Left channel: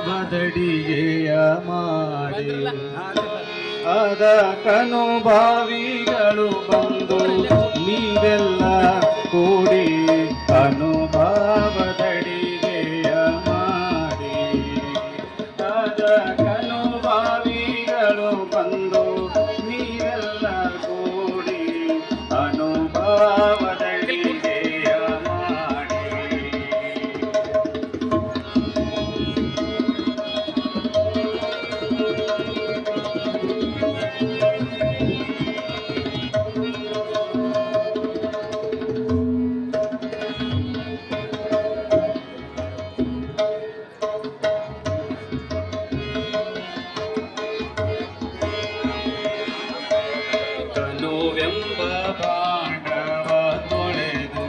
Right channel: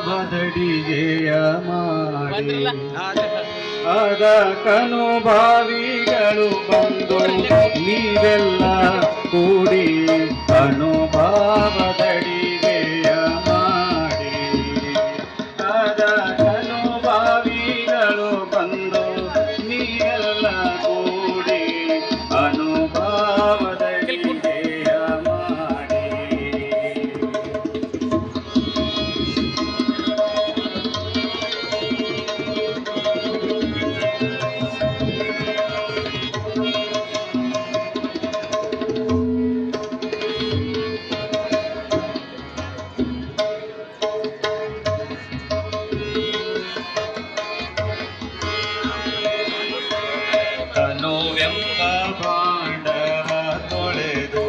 ಅನುಭಾವದಡಿಗೆಯ ಮಾಡಿ ಅದಕ್ಕನುಭಾವಿಗಳು ಬಂದು ನೀವೆಲ್ಲ ಕೂಡಿ ಅನುಭಾವದಡಿಗೆಯ ಮಾಡಿ ಅದಕ್ಕನುಭಾವಿಗಳು ಬಂದು ನೀವೆಲ್ಲ ಕೂಡಿ ಅನುಭಾವದಡಿಗೆಯ ಮಾಡಿ ತನುವೆಂಬ ಭಾಂಡವ ತೊಳೆದು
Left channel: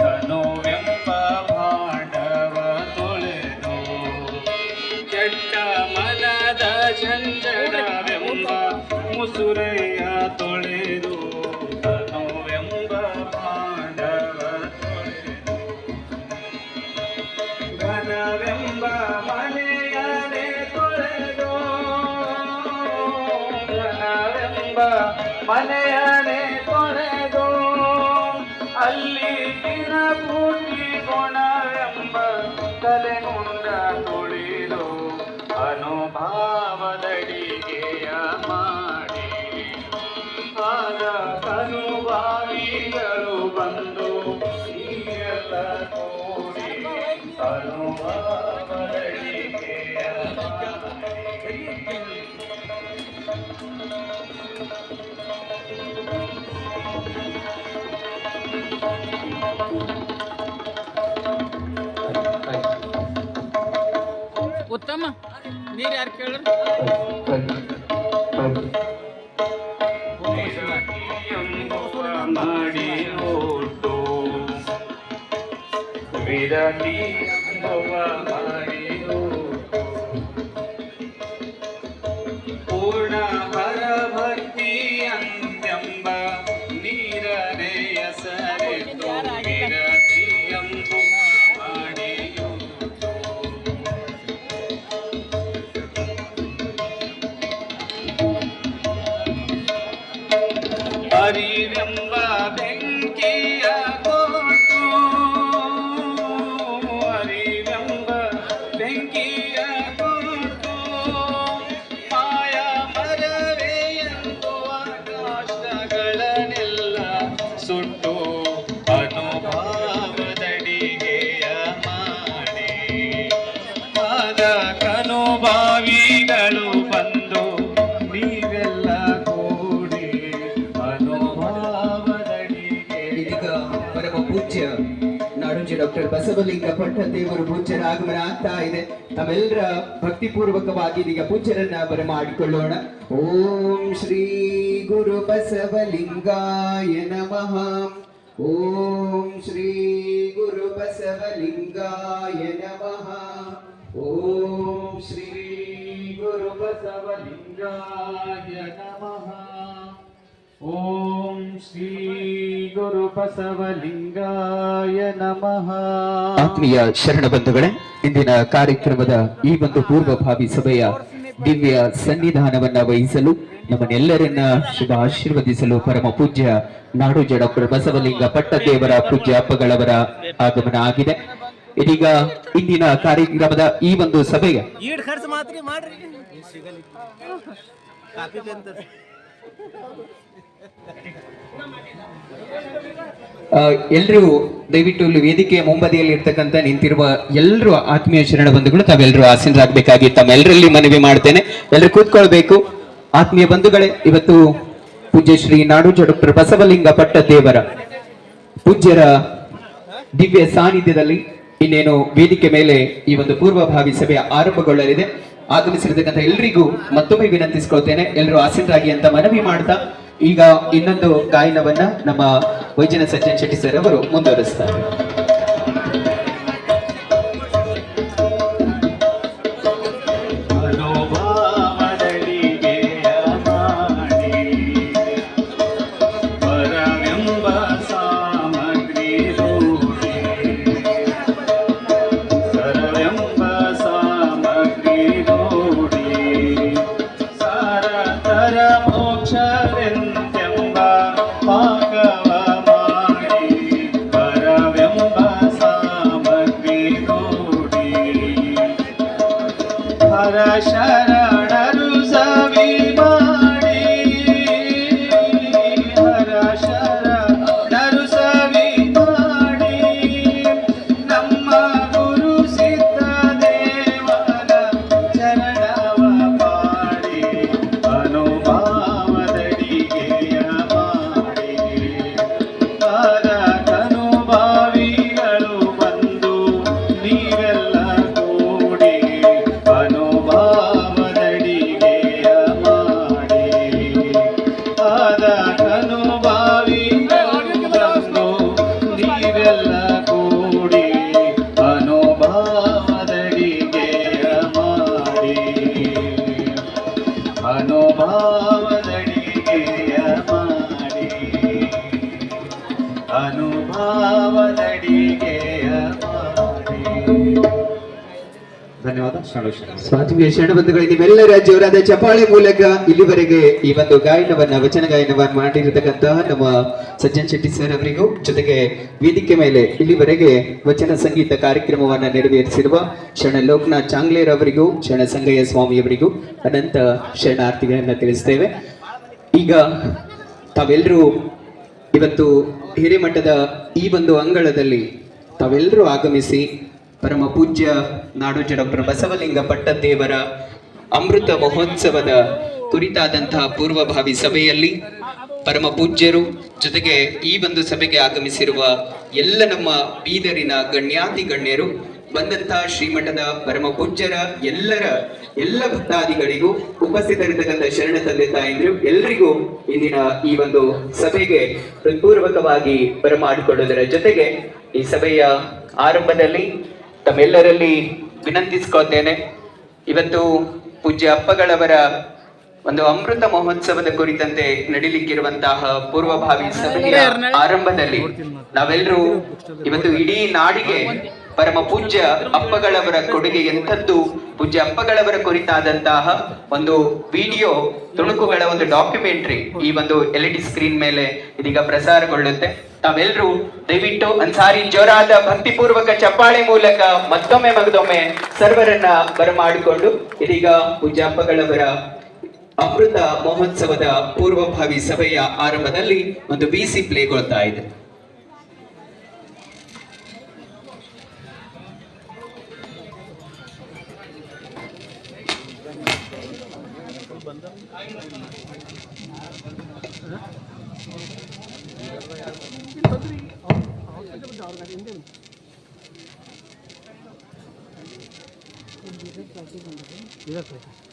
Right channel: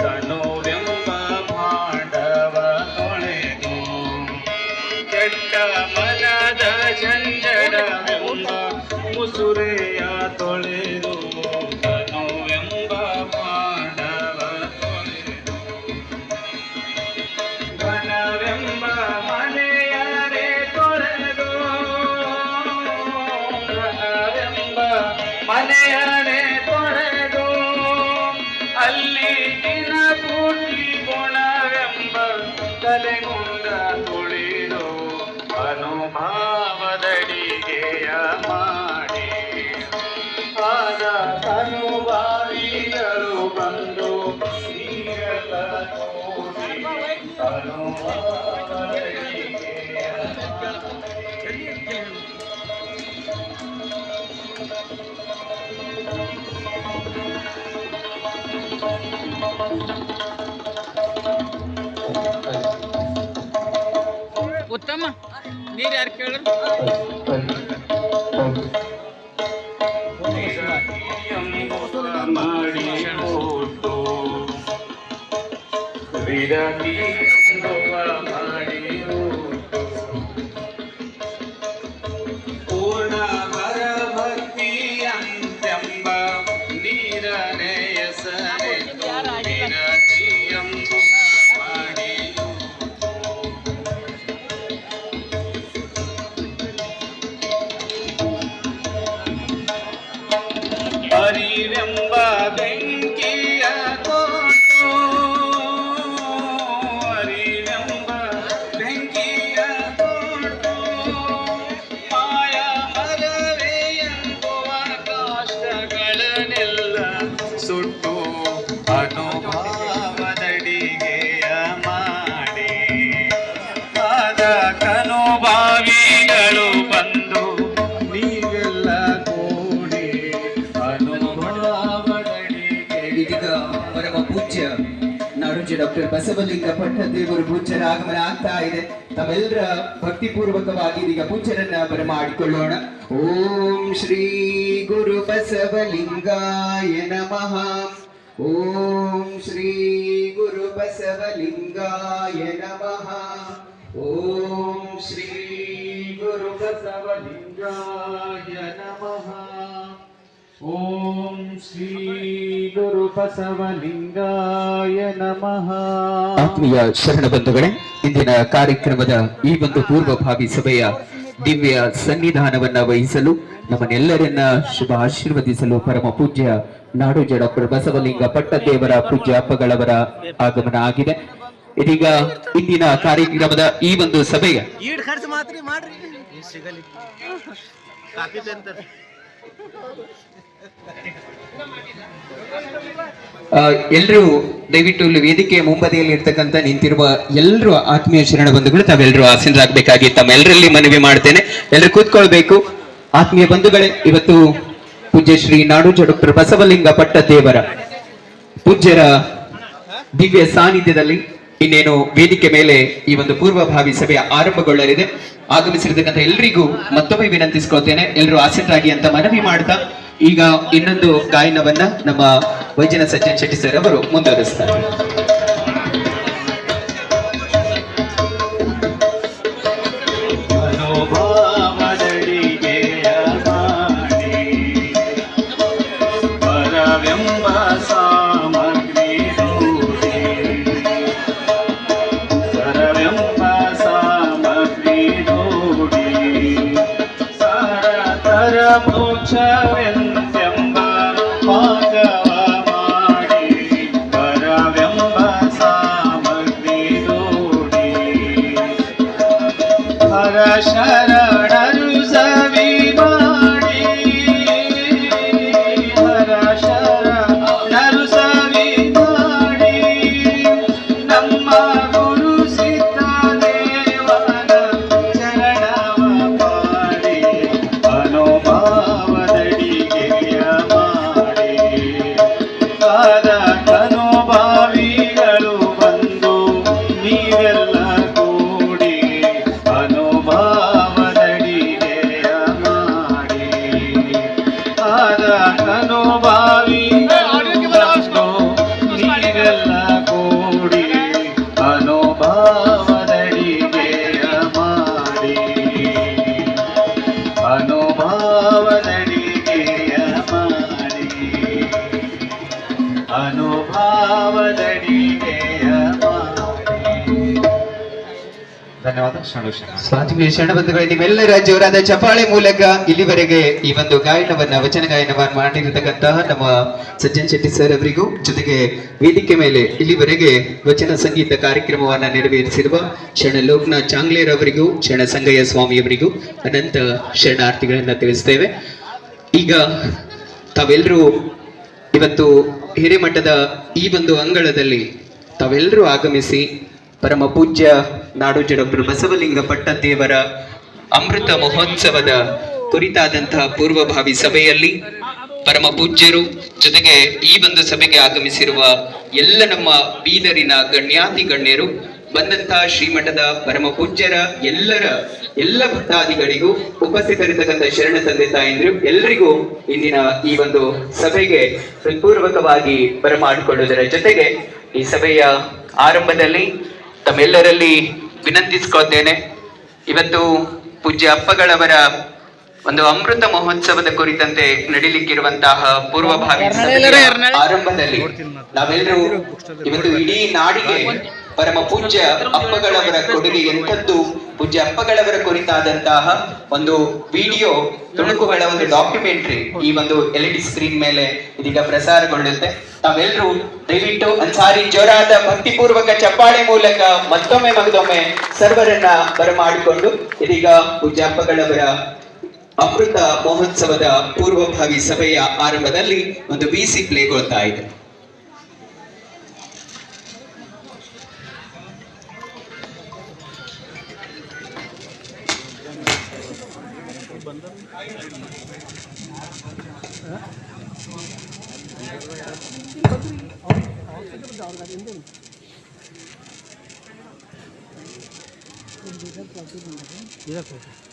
ತನುವೆಂಬ ಭಾಂಡವ ತೊಳೆದು ಕೆಟ್ಟ ಮನದ ಚಂಚಲವೆಂಬ ಮುಸುರೆಯ ತೊಳೆದು ತನುವೆಂಬ ಭಾಂಡವ ತೊಳೆದು ಘನವೆಂಬ ಮನೆಯರೆ ತೊಳೆದು ಮನೆಯನೆ ತೊಳೆದು ಅಲ್ಲಿ ದಿನ ಪೂರ್ತಿ ಗುಣವೆಂಬ ತಲೆಗುಂಡ ತುಳಿದು ಅನುಭಾವದಡಿಗೆಯ ಮಾಡಿ ಆಗ ಅನುಭಾವಿಗಳು ಬಂದು ನೀರೆಲ್ಲ ಕೂಡಿ ಅನುಭಾವದಡಿಗೆಯ ಉತ್ತಮ ನೀರು ಯಾರು ಕೇಳಿದ್ರು ಮಾಡಿ ನೋಟು ವಿರಲಿ ಮಾಡಿ ನೋಟು ಪೂರ್ಣ ಪರಭಕ್ತಿ ಅಂತೆಂಬ ನೀರನೆಯ ಸರೆ ವಿರತಿಯಂಬು ಮಾಡಿ ಅರಿವೆಂಬ ಬೆಂಕಿಯ ಕೊಟ್ಟು ಅರಿವೆಂಬ ಬೆಂಕಿಯ ಕೊಟ್ಟು ಮಾಯ ಮರವೇ ಎಂಬುವ ಕಾಷ್ಟಗಳನ್ನೆಲ್ಲ ಸುಟ್ಟು ಅನುಭಾವದಡಿಗೆಯ ಮಾಡಿ ಅದಕ್ಕನುಭಾವಿಗಳು ಬಂದು ನೀವೆಲ್ಲ ಕೂಡಿ ಇದೀಗ ಪರಮ ಪೂಜ್ಯ ನಾಡೋಜ ಡಾಕ್ಟರ್ ಬಸವಲಿಂಗ ಪಟ್ಟದೇವರು ಪೂಜ್ಯರ ಆಗಮನ ಆಗ್ತಾ ಇದೆ. ತಮ್ಮೆಲ್ಲರ ಭಕ್ತಿಪೂರ್ವಕವಾಗಿ ಇದೀಗ ಪೂಜ್ಯರನ್ನ ಬರಮಾಡಿಕೊಳ್ಳೋಣ. ಓಂ ಶ್ರೀ ಗುರು ಬಸವಲಿಂಗಾಯ ನಮಃ. ಓಂ ಶ್ರೀ ಗುರು ಬಸವಲಿಂಗಾಯ ನಮಃ. ಓಂ ಶ್ರೀ ಗುರು ಬಸವಲಿಂಗಾಯ ನಮಃ. ಓಂ ಶ್ರೀ ಗುರು ಬಸವಲಿಂಗಾಯ ನಮಃ. ಆತ್ಮೀಯ ಶರಣ ಬಂಧುಗಳೇ, ಇಂದಿನ ಕಾರ್ಯಕ್ರಮದ ಈ ಒಂದು ಪೂರ್ವಭಾವಿ ಸಭೆಯ ದಿವ್ಯ ಸನ್ನಿಧಾನವನ್ನ ವಹಿಸಲು ನಮ್ಮನ್ನೆಲ್ಲರನ್ನ ಶುಭ ಆಶೀರ್ವದಿಸಲು ಪರಮ ಪೂಜ್ಯ ನಾಡೋಜ ಡಾಕ್ಟರ್ ಬಸವಲಿಂಗ ಪಟ್ಟದೇವರ ಪೂಜ್ಯ ಅಪ್ಪಗಳವರ ಆಗಮನ ಆಗಿದೆ. ಇದೀಗ ಇಂದಿನ ಕಾರ್ಯಕ್ರಮದ ಈ ಒಂದು ಸಭೆಯ ಎಲ್ಲರೂ ದಯವಿಟ್ಟು ಇಲ್ಲಿ ವೇದಿಕೆಯ ಮುಂಬದಿಯಲ್ಲಿ ಇರ್ತಕ್ಕಂಥ ನಿಂತಿರುವ ಎಲ್ಲರೂ ಆತ್ಮೀಯ ಶರಣ ಬಂಧುಗಳು ತಾವೆಲ್ಲರೂ ಆಸೀನರಾಗಬೇಕಾಗಿ ತಮ್ಮೆಲ್ಲರಲ್ಲಿ ಮನವಿ ಮಾಡ್ತೇನೆ. ಎಲ್ಲರೂ ಕೂತ್ಕೊಳ್ಬೇಕು. ಆತ್ಮೀಯ ಬಂಧುಗಳೇ, ಇವತ್ತು ಪೂಜ್ಯ ಶ್ರೀ ನಾಡೋಜ ಡಾಕ್ಟರ್ ಬಸವಲಿಂಗ ಪಟ್ಟದೇವರ ಪೂಜ್ಯರ ದಿವ್ಯ ಸಾನ್ನಿಧ್ಯದಲ್ಲಿ ಇನ್ನೇನು ವೇದಿಕೆ ಮೇಲೆ ಈ ಒಂದು ಪೂರ್ವಭಾವಿ ಸಭೆ ಆರಂಭಗೊಳ್ಳಲಿದೆ. ಆಗಮಿಸಿರ್ತಕ್ಕಂಥ ಎಲ್ರಿಗೂ ಮತ್ತೊಮ್ಮೆ ವಿನಂತಿಸ್ಕೊಳ್ತೇನೆ, ಎಲ್ಲರೂ ಆಸೀನರಾಗಿ ಅಂತ ಮನವಿ ಮಾಡ್ತಾ ಈಗ ಇನ್ನೊಂದು ಗಾಯನವನ್ನ ನಮ್ಮ ವೈದ್ಯನ ಸಜ್ಜನ್ ಶೆಟ್ಟಿ ಸರ್ ಅವರು ಮುಂದುವರಿಸ್ತಾರೆ. ಮೋಕ್ಷವೆಂತೆಂಬ ಪಾಕವ ಮಾಡಿ ಪರವೆಂಬ ಸಾಮಗ್ರಿ ದೂಡಿ ಹರ ಶರಣರು ಸವಿ ಮಾಡಿ ಹರ ಶರಣರು ಸವಿ ಮಾಡಿ ನಮ್ಮ ಗುರು ಸಿದ್ಧ ದೇವನ ಚರಣವ ಪಾಡಿ ಅನುಭಾವದಡಿಗೆಯ ಮಾಡಿ ಆದ ಅನುಭಾವಿಗಳು ಬಂದು ನೀವೆಲ್ಲ ಕೂಡಿ ಅನುಭಾವದಡಿಗೆಯ ಮಾಡಿ ಆದ ಅನುಭಾವಿಗಳು ಬಂದು ನೀವೆಲ್ಲ ಕೂಡಿ ಅನುಭಾವದಡಿಗೆಯ ಮಾಡಿ ಅನುಭಾವದಡಿಗೆಯ ಮಾಡಿ ಅನುಭಾವದಡಿಗೆಯ ಮಾಡಿ. ಧನ್ಯವಾದ. ಸ್ವಾತಿಯ ಶರಣಬಂಧುಗಳೇ, ನಿಮ್ಮೆಲ್ಲರ ಜೋರಾದ ಚಪಾಳೆ ಮೂಲಕ ಇಲ್ಲಿವರೆಗೆ ಈ ಒಂದು ಗಾಯನವನ್ನ ವಚನ ಗಾಯನವನ್ನ ಮಾಡಿರತಕ್ಕಂತಹ ನಮ್ಮ ಸಜ್ಜನ್ ಶೆಟ್ಟಿ ಸರ್ ಅವರಿಗೂ, ಜೊತೆಗೆ ವೇದಿಕೆ ಮೇಲೆ ಇಲ್ಲಿವರೆಗೆ ವಚನ ಸಂಗೀತ ಕಾರ್ಯಕ್ರಮವನ್ನ ನೆರವೇರಿಸಿರುವ ಶರಣ ಲೋಕನಾಥ್ ಚಾಂಗ್ಲೇರ್ ಅವರಿಗೂ, ಶರಣ ಸಂಗಯ್ಯ ಸ್ವಾಮಿಯವರಿಗೂ ಅನಂತ ಶರಣಾರ್ಥಿಗಳನ್ನ ತಿಳಿಸ್ತೇವೆ. ಈಗ ತಾವೆಲ್ಲರೂ ಇವತ್ತು ಹಿರೇಮಠದ ಈ ಒಂದು ಅಂಗಳದಲ್ಲಿ ತಾವೆಲ್ಲರೂ ಆಗಮಿಸಿ ಪರಮ ಪೂಜ್ಯ ನಾಡೋಜಿ ಡಾಕ್ಟರ್ ಬಸವಲಿಂಗ ಪಟ್ಟದೇವರ ಅಮೃತ ಮಹೋತ್ಸವದ ಕುರಿತಾದಂತಹ ಪೂರ್ವಭಾವಿ ಸಭೆಯಲ್ಲಿ ಪರಮ ಪೂಜ್ಯರು, ಜೊತೆಗೆ ಈ ಒಂದು ಸಭೆಗೆ ಆಗಮಿಸಿರುವ ಎಲ್ಲ ನಮ್ಮ ಬೀದರಿನ ಗಣ್ಯಾತಿ ಗಣ್ಯರು, ಬಂದಂತಹ ಶ್ರೀಮಠದ ಪರಮ ಪೂಜ್ಯರ ಎಲ್ಲ ಭಕ್ತಾದಿಗಳಿಗೂ, ಉಪಸ್ಥಿತರಿರ್ತಕ್ಕಂಥ ಶರಣ ತಂದೆ ತಾಯಂದಿರು ಎಲ್ಲರಿಗೂ ಇಂದಿನ ಈ ಒಂದು ಸಭೆಗೆ ಹೃತ್ಪೂರ್ವಕವಾಗಿ ಬರಮಾಡಿಕೊಳ್ಳುವುದರ ಜೊತೆಗೆ ಈ ಸಭೆಯ ಆರಂಭದಲ್ಲಿ ತಮ್ಮೆಲ್ಲರಲ್ಲಿ ವಿನಂತಿಸ್ಕೊಳ್ತೇನೆ. ಇವತ್ತು ಪೂಜ್ಯ ಅಪ್ಪಗಳವರ ಒಂದು ಅಮೃತ ಮಹೋತ್ಸವದ ಕುರಿತಂತೆ ನಡೀಲಿಕ್ಕಿರುವಂತಹ ಪೂರ್ವಭಾವಿ ಸಭೆಯ ಆರಂಭದಲ್ಲಿ ನಾವೆಲ್ಲರೂ ಇವತ್ತು ಇಡೀ ನಾಡಿಗೆ ಪರಮ ಪೂಜ್ಯ ಅಪ್ಪಗಳವರ ಕೊಡುಗೆ ಎಂಥದ್ದು, ಪೂಜ್ಯ ಅಪ್ಪಗಳವರ ಕುರಿತಾದಂತಹ ಒಂದು ವಿಡಿಯೋ ತುಣುಕುಗಳ ಒಂದು ಡಾಕ್ಯುಮೆಂಟ್ರಿ ಈ ಒಂದು LED ಸ್ಕ್ರೀನ್ ಮೇಲೆ ಇದೀಗ ಪ್ರಸಾರಗೊಳ್ಳುತ್ತೆ. ತಾವೆಲ್ಲರೂ ದಯವಿಟ್ಟು ಅನ್ಸಾರಿ ಜೋರಾದ ಭಕ್ತಿಪೂರ್ವಕ ಚಪ್ಪಾಳೆ ಮೂಲಕ ಮತ್ತೊಮ್ಮೆ ಸರ್ವರನ್ನ ಬರಮಾಡಿಕೊಂಡು ಇದೀಗ ಪೂಜ್ಯ ಅಪ್ಪಗಳವರ ಅಮೃತ ಮಹೋತ್ಸವದ ಪೂರ್ವಭಾವಿ ಸಭೆಯ ಆರಂಭದಲ್ಲಿ ಒಂದು VC ಪ್ಲೇಗೊಳ್ತಾ ಇದೆ. Gracias.